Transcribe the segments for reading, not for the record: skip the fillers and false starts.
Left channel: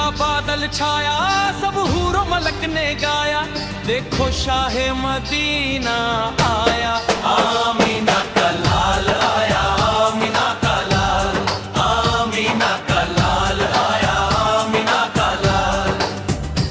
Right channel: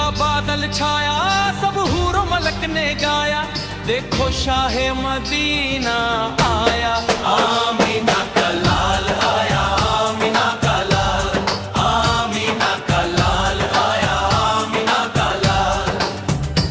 का बादल छाया, सब हूरों मलक ने गाया, देखो शाहे मदीना आया। आमीना का लाल आया, आमीना का लाल, आमीना का लाल आया, आमीना का लाल।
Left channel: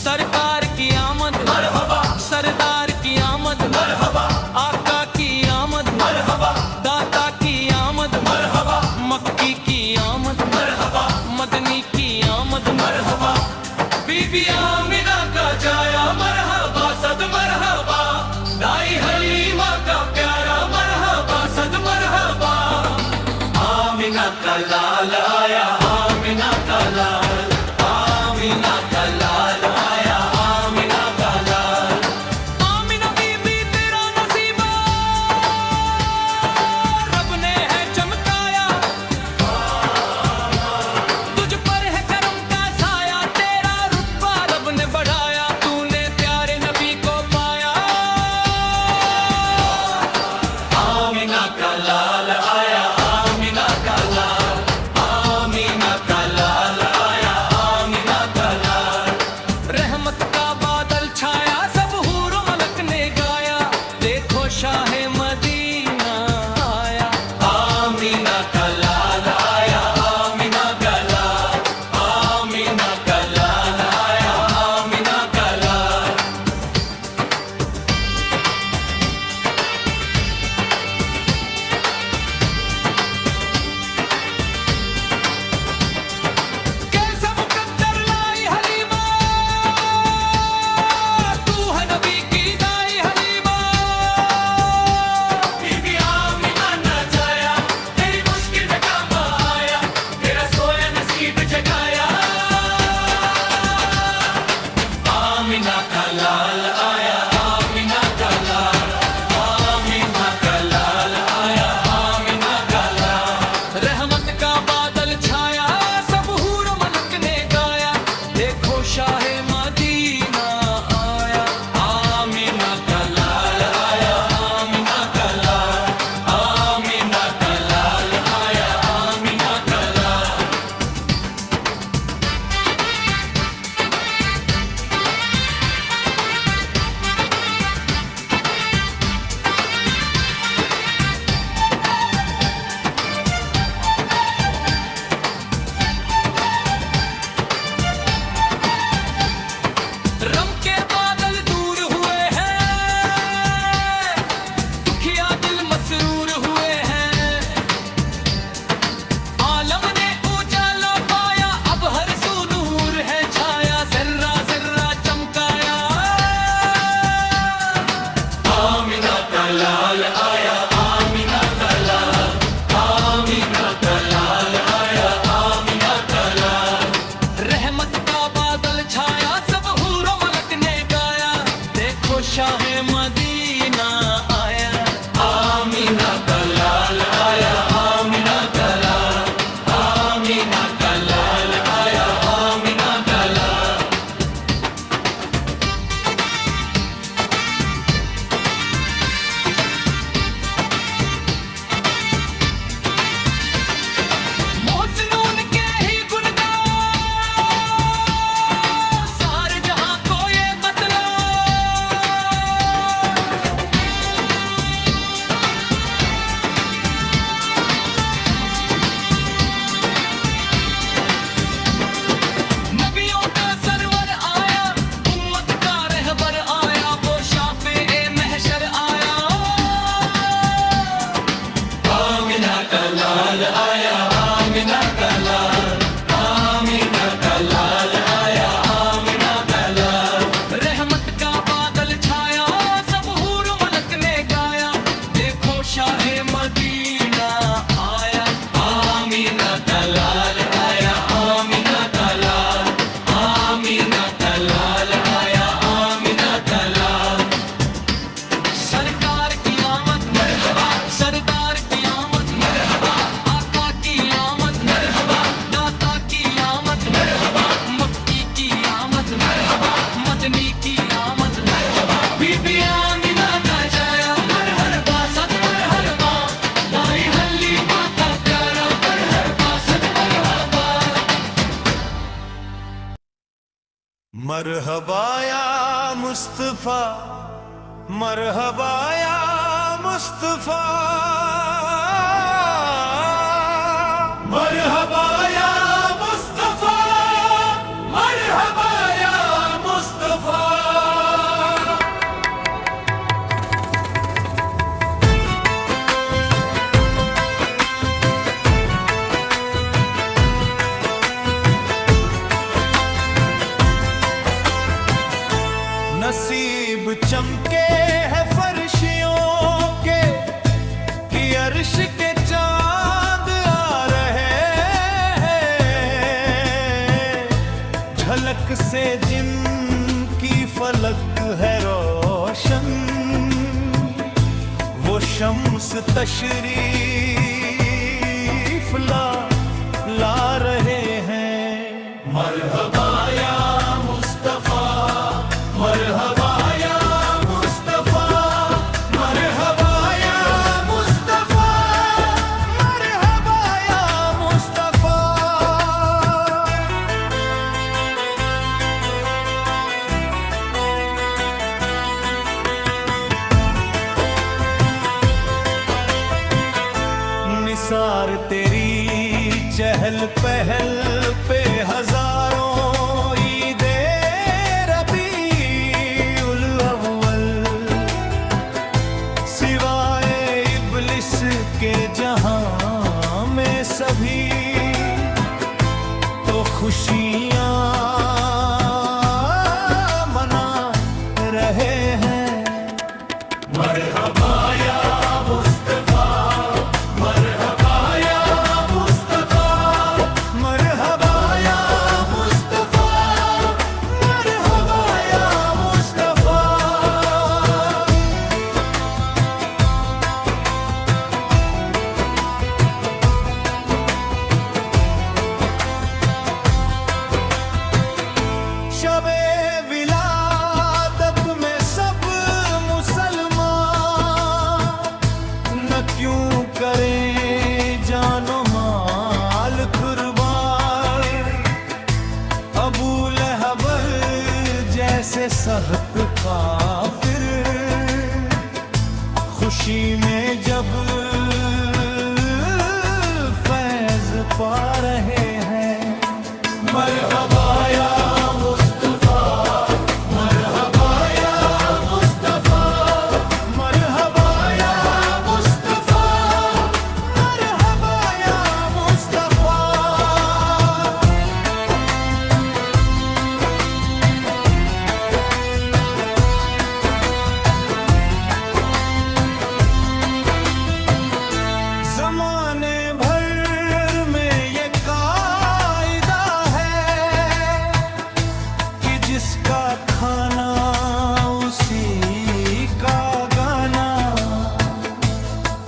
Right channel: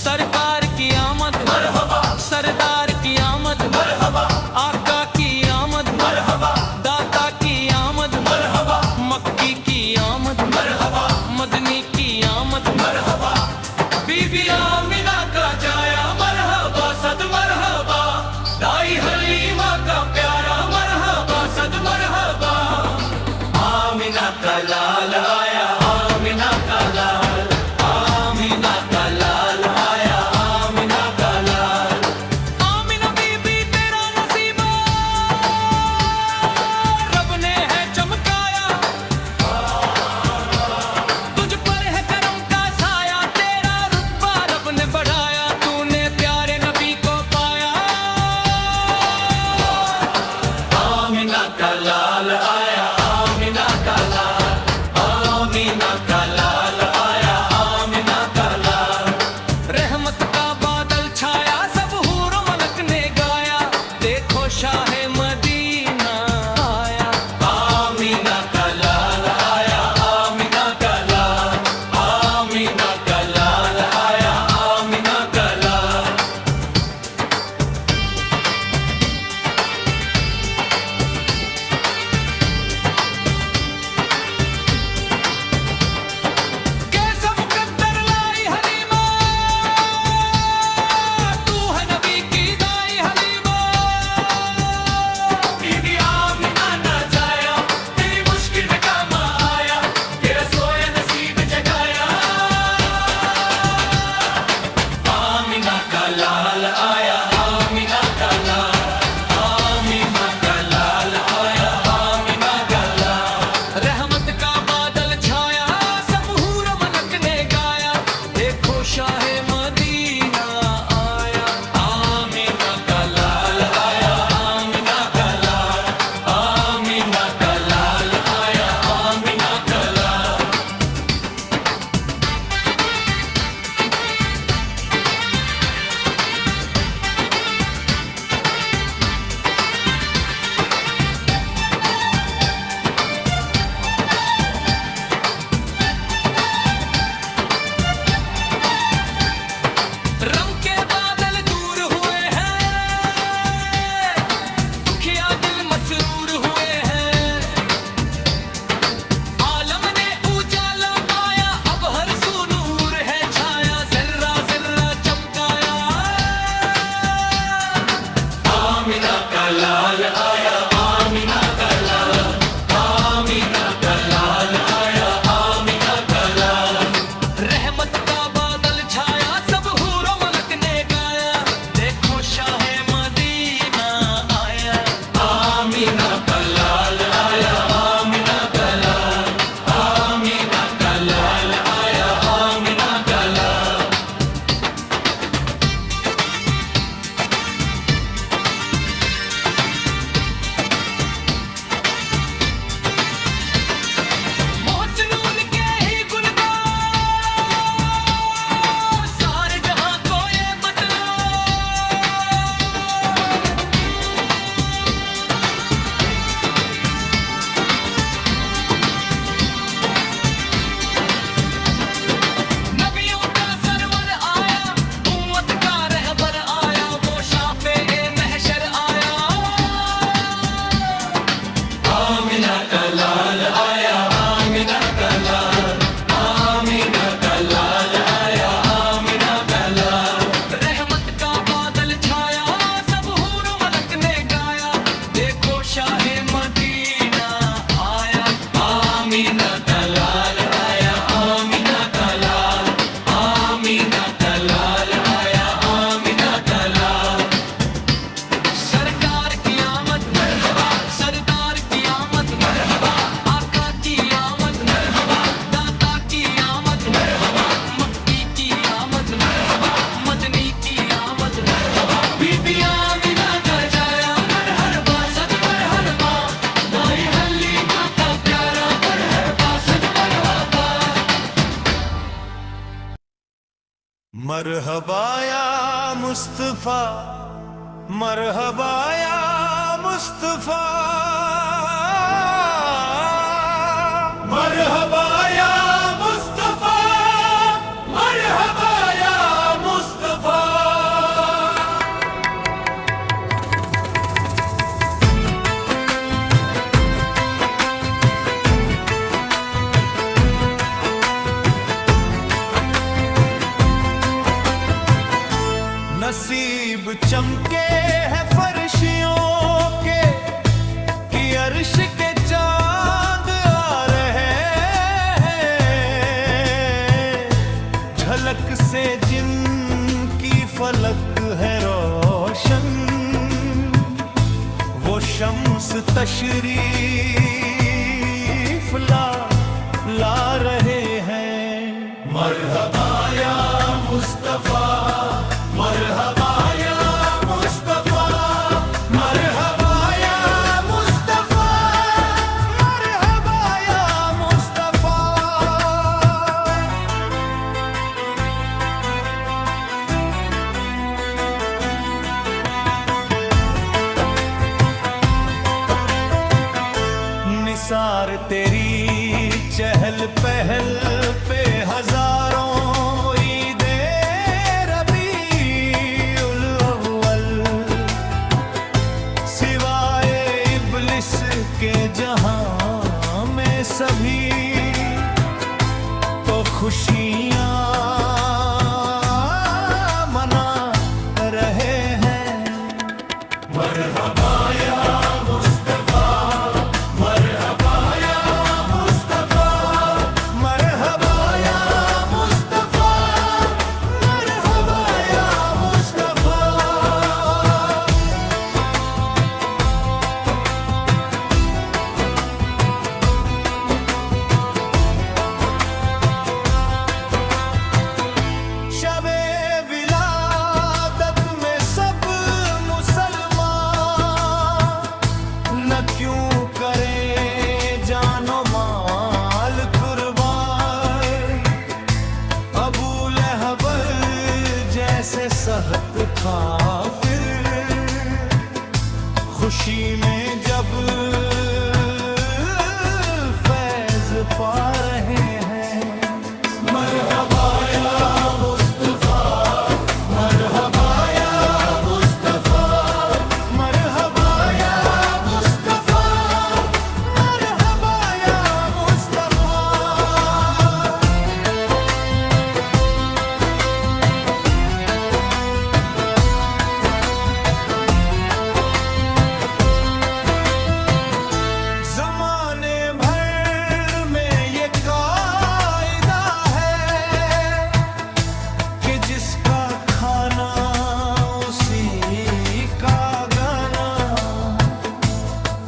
सरकार की आमद मरहबा, सरदार की आमद मरहबा, आका की आमद मरहबा, दाता की आमद मरहबा, मक्की की आमद मरहबा, मदनी की आमद मरहबा, बीबी आमिना का जाया मरहबा सद मरहबा, दाई हलीमा का प्यारा मरहबा सद मरहबा। आमिना का लाल आया, आमिना का लाल, आमिना का लाल आया, आमिना का लाल। आमिना बीबी तेरा नसीबा रब ने है चमकाया, तुझ पर है करम का साया, तेरा रुतबा रब ने बढ़ाया, तूने प्यारे नबी को पाया। आमिना का लाल आया, आमिना का लाल, आमिना का लाल आया, आमिना का लाल। रहमत का बादल छाया, सब हूरों मलक ने गाया, देखो शाहे मदीना आया। आमिना का लाल आया, आमिना का लाल, आमिना का लाल आया, आमिना का लाल। कैसा मुकद्दर लाई हलीमा, तू है नबी की दाई हलीमा। बीबी आमिना ना जाया, तेरी मुश्किल में काम आया, तेरा सोया नसीब जगाया। आमिना का लाल आया, आमिना का लाल, आमिना का लाल आया, आमिना का लाल। रहमत का बादल छाया, सब हूर मलक ने गाया, देखो शाहे मदीना आया। आमिना का लाल आया, आमिना का लाल, आमिना का लाल आया, आमिना का लाल। रम के बादल दूर हुए हैं, दुखिया दिल मसरूर हुए हैं, आलम ने उजाला पाया, अब हर सू नूर है छाया, जर्रा जर्रा चमकाया। आमिना का लाल आया, आमिना का लाल, आमिना का लाल आया, आमिना का लाल। रहमत का बादल छाया, सब हूरों मलक ने गाया, देखो शाहे मदीना आया। आमिना का लाल आया, आमिना का लाल, आमिना का लाल आया, आमिना का लाल। मोहसिनों के ही गुनगान सारे जहां को ये बतलाओ, नबियों का सरवर आया, उम्मत का रहबर आया, वो शाफे ए महशर आया। आमिना का लाल आया, आमिना का लाल, आमिना का लाल आया, आमिना का लाल। रहमत का बादल छाया, सब हूरों मलक ने गाया, देखो शाहे मदीना आया। आमिना का लाल आया, आमिना का लाल, आमिना का लाल आया, आमिना का लाल। सरकार की आमद मरहबा, सरदार की आमद मरहबा, आका की आमद मरहबा, दाता की आमद मरहबा, मक्की की आमद मरहबा, मदनी की आमद मरहबा, बीबी आमिना का जाया मरहबा सद मरहबा, दाई हलीमा का प्यारा मरहबा सद मरहबा। मरहबा या मुस्तफा, मरहबा या मुस्तफा, मरहबा या मुस्तफा, मरहबा या मुस्तफा। नसीब चमके हैं फर्शियों के कि अर्श के चांद आ रहे हैं, झलक से जिनकी फलक है रोशन, वो शम्स तशरीफ ला रहे हैं। मरहबा या मुस्तफा, मरहबा या मुस्तफा, मरहबा या मुस्तफा, मरहबा या मुस्तफा। निसार तेरी चहल पहल पे हजारों ईदे रबीउल अव्वल, सिवाए इब्लिस के जहां में सभी तो खुशियां मना रहे हैं। मरहबा या मुस्तफा, मरहबा या मुस्तफा, मरहबा या मुस्तफा, मरहबा या मुस्तफा। शबे विलादत में सब मुसलमान न क्यों करें जानो माल कुर्बान, अबू लहब जैसे सख्त काफिर खुशी में जब फैज पा रहे हैं। मरहबा या मुस्तफा, मरहबा या मुस्तफा, मरहबा या मुस्तफा, मरहबा या मुस्तफा। ज़माने भर में ये कायदा है कि जिसका खाना उसी का गाना,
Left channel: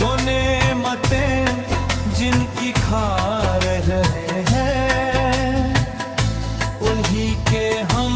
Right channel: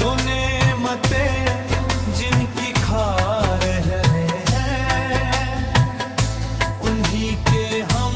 तो नेमतें जिनकी खा रहे हैं उन्हीं के हम